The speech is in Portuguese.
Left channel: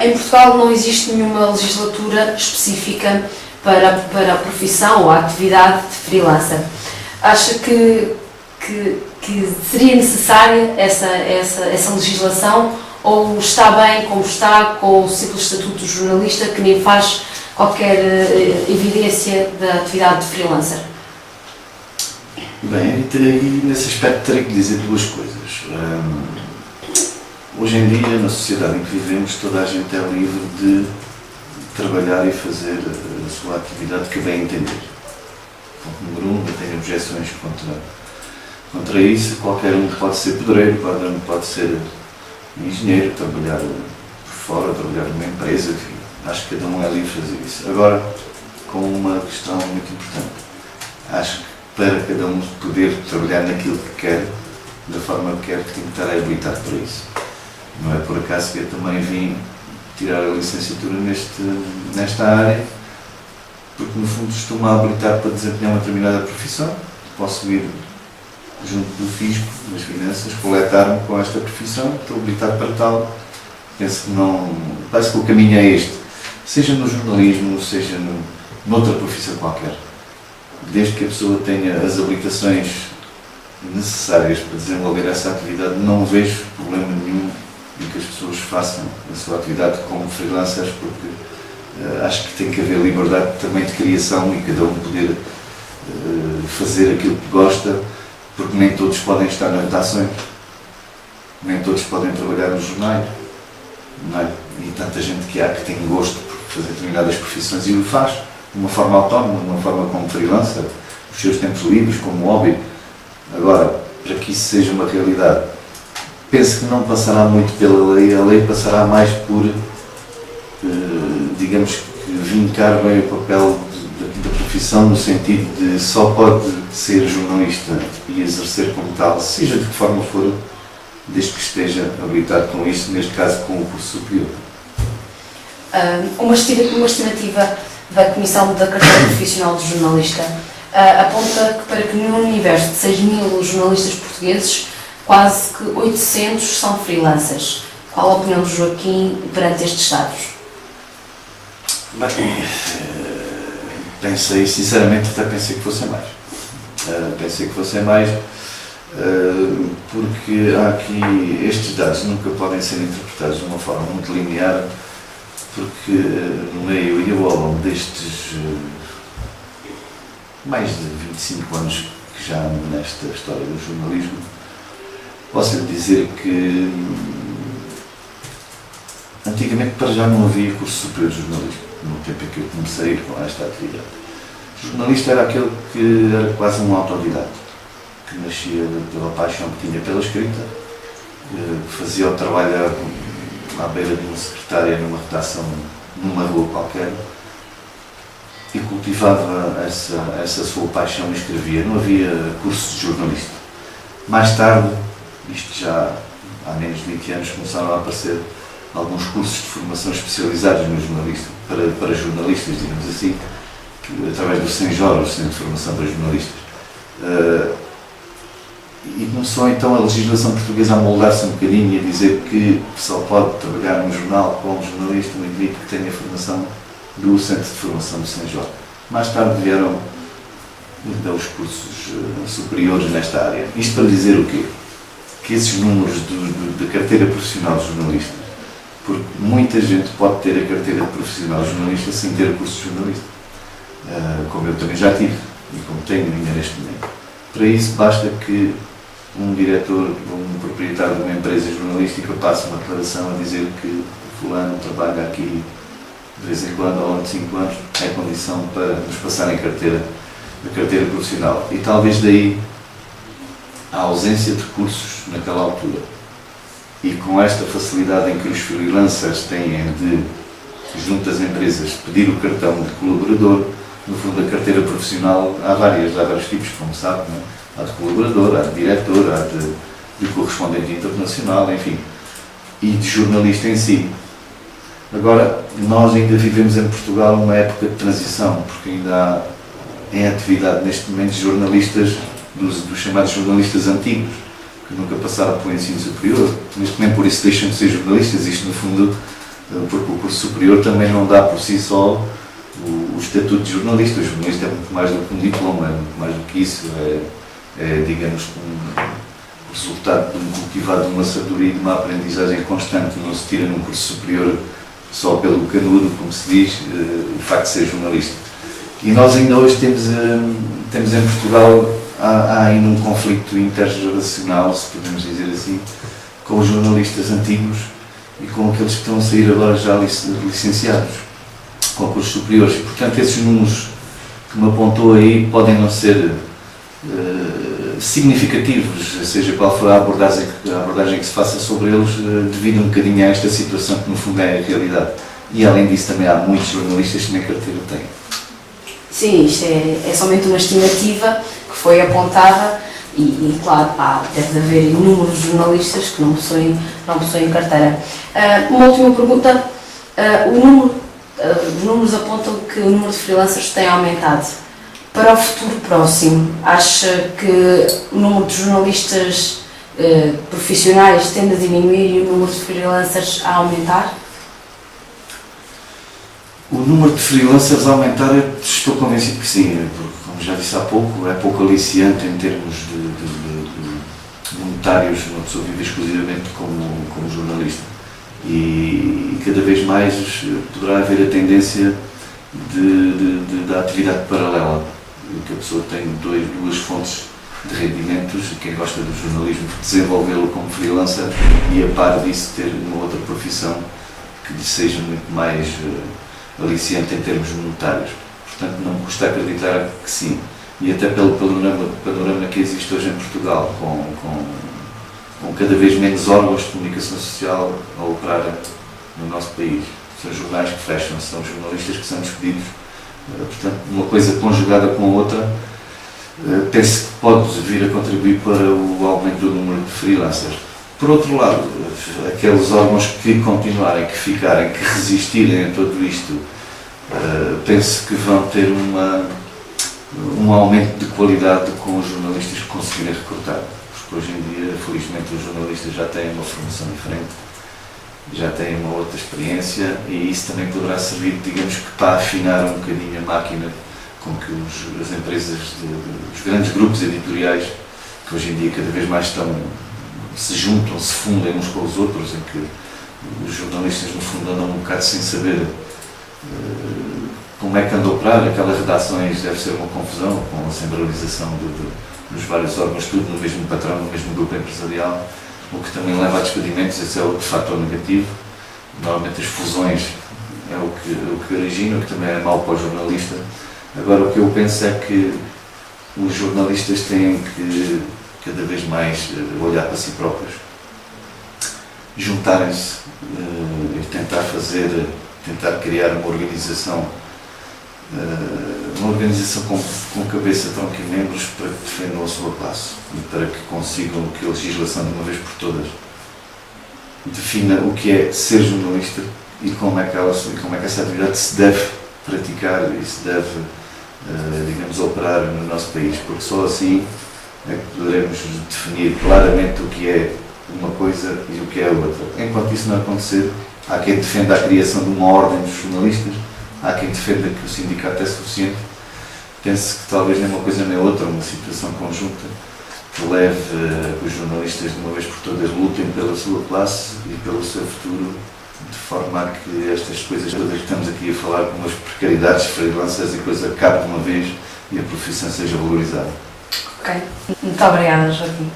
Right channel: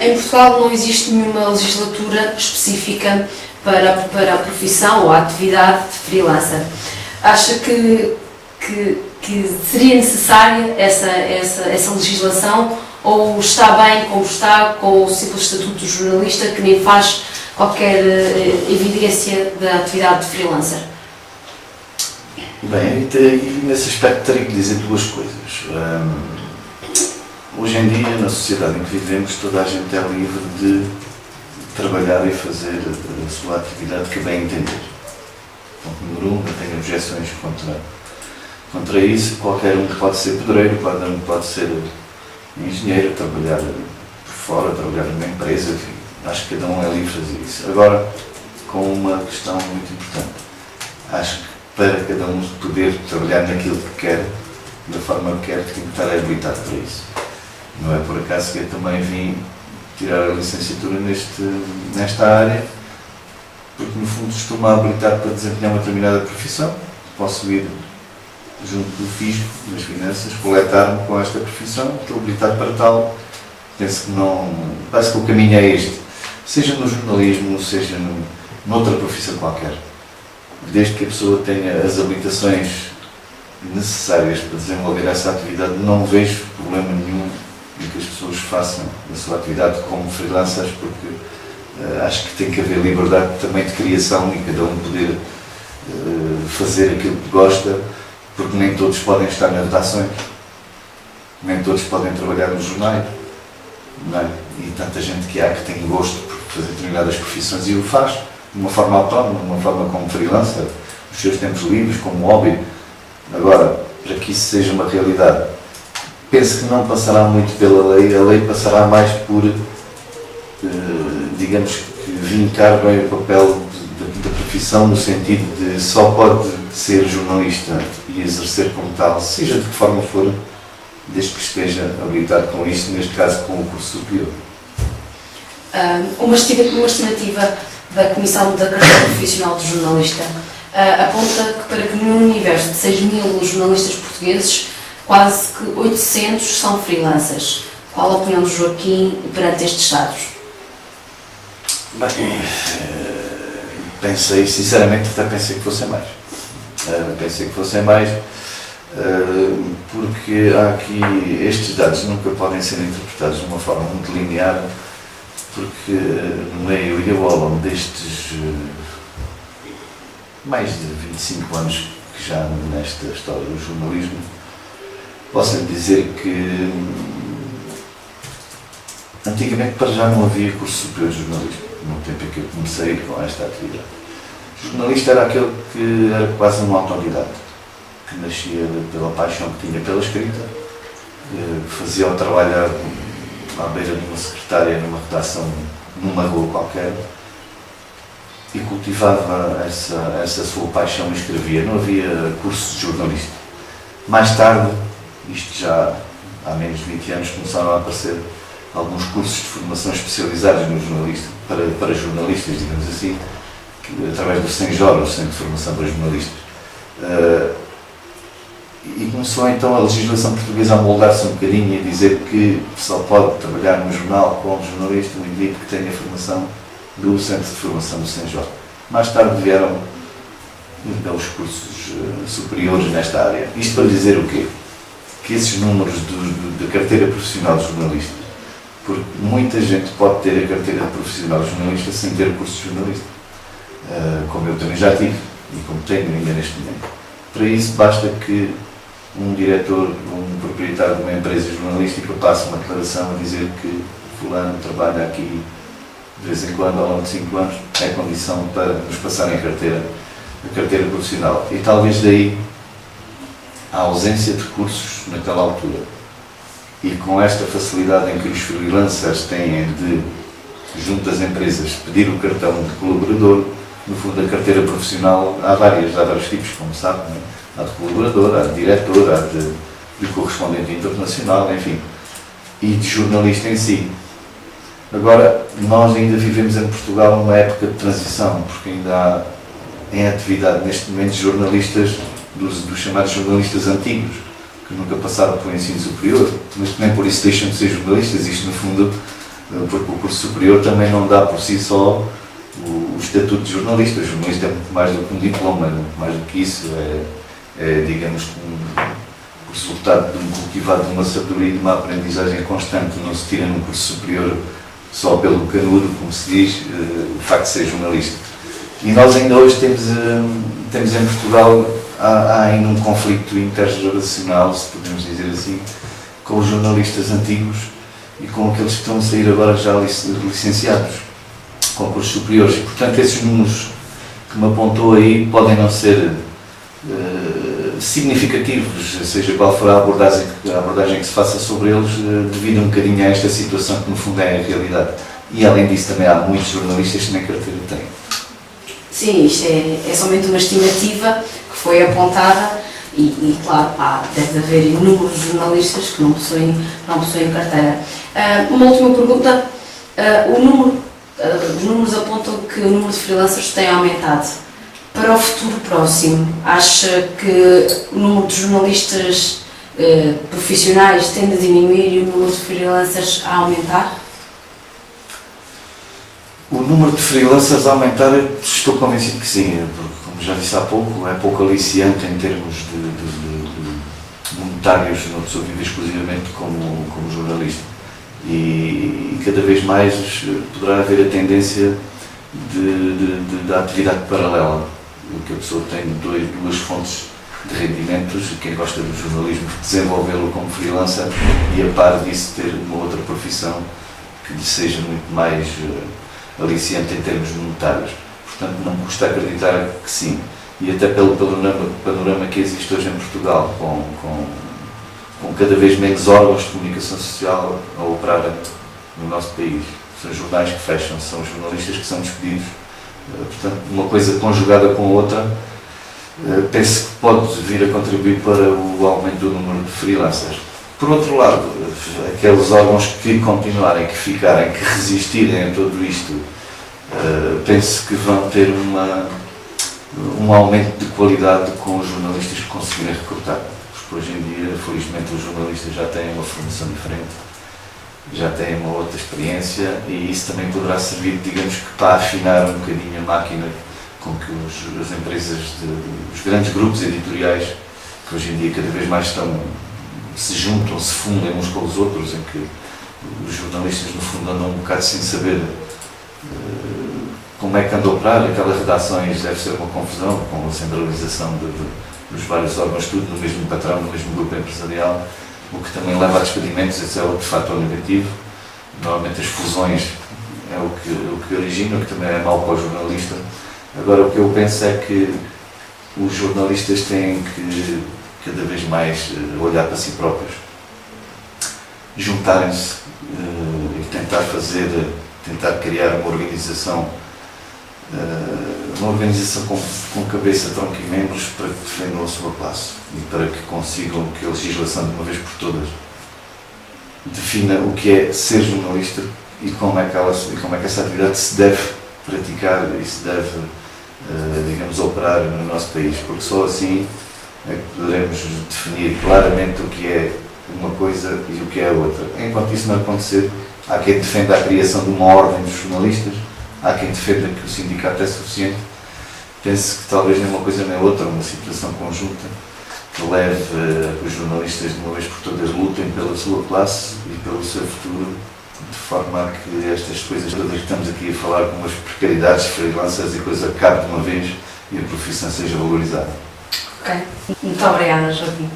Em Portugal não existe nenhuma legislatura específica para a profissão ou a atividade de freelancer. Acha que seria necessária essa legislação, ou está bem como está, com o simples estatuto de jornalista, que nem faz qualquer evidência da atividade de freelancer? Bem, e nesse aspecto terei que dizer duas coisas. Hoje em dia, na sociedade em que vivemos, toda a gente é livre de trabalhar e fazer a sua atividade que bem entender. Ponto número 1, não tenho objeções contra isso. Qualquer um pode ser pedreiro, pode ser engenheiro, trabalhar por fora, trabalhar numa empresa, enfim. Acho que cada um é livre de fazer isso. Agora, com uma questão muito importante. Acho que para cada um poder trabalhar naquilo que quer, da forma que quer, tem que estar habilitado para isso. Não é por acaso que eu também vim tirar a licenciatura nesta área, porque no fundo estou-me a habilitar para desempenhar uma determinada profissão. Posso ir junto do fisco, das finanças, coletar-me com esta profissão, estou habilitado para tal. Penso que não. Parece que o caminho é este. Seja no jornalismo, seja noutra profissão qualquer. Desde que a pessoa tenha as habilitações necessárias para desenvolver essa atividade, não vejo problema nenhum em que as pessoas façam a sua atividade como freelancers, porque acho que tem que haver liberdade também de criação e cada um poder fazer aquilo que gosta, porque nem todos podem estar nas redações, nem todos podem trabalhar nos jornais, não é? E tanta gente que há que tem gosto por fazer determinadas profissões e o faz de uma forma autónoma, de uma forma como freelancer, nos seus tempos livres, como hobby. Agora, para que isso seja uma realidade, penso que não passará muito pela lei, a lei passará mais por, digamos, vincar bem o papel da profissão, no sentido de só pode ser jornalista e exercer como tal, seja de que forma for, desde que esteja habilitado com isso, neste caso com o curso superior. Uma estimativa da Comissão da Carteira Profissional de Jornalista aponta que para que no universo de 6.000 jornalistas portugueses, quase que 800 são freelancers. Qual a opinião do Joaquim perante estes dados? Bem, pensei, sinceramente, até pensei que fossem mais. Porque há aqui, estes dados nunca podem ser interpretados de uma forma muito linear, porque no meio e ao longo destes mais de 25 anos que já ando nesta história do jornalismo, posso lhe dizer que antigamente para já não havia curso superior de jornalismo, no tempo em que eu comecei com esta atividade. O jornalista era aquele que era quase um autodidata, que nascia pela paixão que tinha pela escrita, fazia o trabalho à beira de uma secretária numa redação numa rua qualquer e cultivava essa sua paixão e escrevia. Não havia cursos de jornalista. Mais tarde, isto já há menos de 20 anos, começaram a aparecer alguns cursos de formação especializados no jornalista, para jornalistas, digamos assim, através do CENJOR, o Centro de Formação para Jornalistas. E começou então a legislação portuguesa a moldar-se um bocadinho e a dizer que só pode trabalhar no jornal como jornalista um indivíduo que tenha formação do Centro de Formação do CENJOR. Mais tarde vieram então os cursos superiores nesta área. Isto para dizer o quê? Que esses números da carteira profissional de jornalista, porque muita gente pode ter a carteira profissional de jornalista sem ter o curso de jornalista, como eu também já tive e como tenho ainda neste momento. Para isso basta que um diretor ou um proprietário de uma empresa jornalística passe uma declaração a dizer que fulano trabalha aqui de vez em quando, ao longo de 5 anos, é condição para nos passarem a carteira profissional. E talvez daí a ausência de cursos naquela altura. E com esta facilidade em que os freelancers têm de, junto às empresas, pedir o cartão de colaborador, no fundo a carteira profissional há vários tipos, como sabe, não é? Há de colaborador, há de diretor, há de correspondente internacional, enfim, e de jornalista em si. Agora, nós ainda vivemos em Portugal uma época de transição, porque ainda há em atividade neste momento jornalistas, dos chamados jornalistas antigos, que nunca passaram pelo ensino superior, mas nem por isso deixam de ser jornalistas. Isto, no fundo, porque o curso superior também não dá por si só o estatuto de jornalista. O jornalista é muito mais do que um diploma, é muito mais do que isso, digamos, o resultado de um cultivado de uma sabedoria e de uma aprendizagem constante. Não se tira num curso superior só pelo canudo, como se diz, o facto de ser jornalista. E nós ainda hoje temos em Portugal, há ainda um conflito intergeracional, se podemos dizer assim, com os jornalistas antigos e com aqueles que estão a sair agora já licenciados, com cursos superiores. E, portanto, esses números que me apontou aí podem não ser significativos, seja qual for a abordagem que se faça sobre eles, devido um bocadinho a esta situação que no fundo é a realidade. E além disso também há muitos jornalistas que nem carteira têm. Sim, isto é somente uma estimativa que foi apontada e claro, deve haver inúmeros jornalistas que não possuem carteira. Uma última pergunta, os números apontam que o número de freelancers tem aumentado. Para o futuro próximo, acha que o número de jornalistas profissionais tende a diminuir e o número de freelancers a aumentar? O número de freelancers a aumentar, estou convencido que sim, porque, como já disse há pouco, é pouco aliciante em termos de monetários, uma pessoa vive exclusivamente como jornalista. E cada vez mais poderá haver a tendência da atividade paralela, que a pessoa tem duas fontes de rendimentos, e quem gosta do jornalismo desenvolvê-lo como freelancer e a par disso ter uma outra profissão que lhe seja muito mais aliciante em termos monetários. Portanto, não me custa acreditar que sim. E até pelo panorama que existe hoje em Portugal, com cada vez menos órgãos de comunicação social a operar no nosso país. São jornais que fecham, são jornalistas que são despedidos. Portanto, uma coisa conjugada com a outra, penso que pode vir a contribuir para o aumento do número de freelancers. Por outro lado, aqueles órgãos que continuarem, que ficarem, que resistirem a tudo isto, penso que vão ter um aumento de qualidade com os jornalistas que conseguirem recrutar. Porque hoje em dia, felizmente, os jornalistas já têm uma formação diferente, já têm uma outra experiência e isso também poderá servir, digamos que, para afinar um bocadinho a máquina com que as empresas, os grandes grupos editoriais, que hoje em dia cada vez mais se juntam, se fundem uns com os outros, em que os jornalistas no fundo andam um bocado sem saber como é que andam a operar. Aquelas redações deve ser uma confusão com a centralização dos vários órgãos, tudo no mesmo patrão, no mesmo grupo empresarial, o que também leva a despedimentos. Esse é outro fator negativo. Normalmente as fusões é o que origina, o que também é mau para o jornalista. Agora, o que eu penso é que os jornalistas têm que cada vez mais olhar para si próprios, juntarem-se e tentar criar uma organização com cabeça, tronco e membros para que defendam a sua classe e para que consigam que a legislação de uma vez por todas defina o que é ser jornalista e como é que essa atividade se deve praticar e se deve, digamos, operar no nosso país, porque só assim é que poderemos definir claramente o que é uma coisa e o que é a outra. Enquanto isso não acontecer, há quem defenda a criação de uma ordem dos jornalistas, há quem defenda que o sindicato é suficiente. Penso que talvez nem uma coisa nem outra, uma situação conjunta que leve a que os jornalistas de uma vez por todas lutem pela sua classe e pelo seu futuro, de forma a que estas coisas todas que estamos aqui a falar, como as precariedades, freelancers e coisa, acabe de uma vez e a profissão seja valorizada. Ok. Muito obrigada, Joaquim.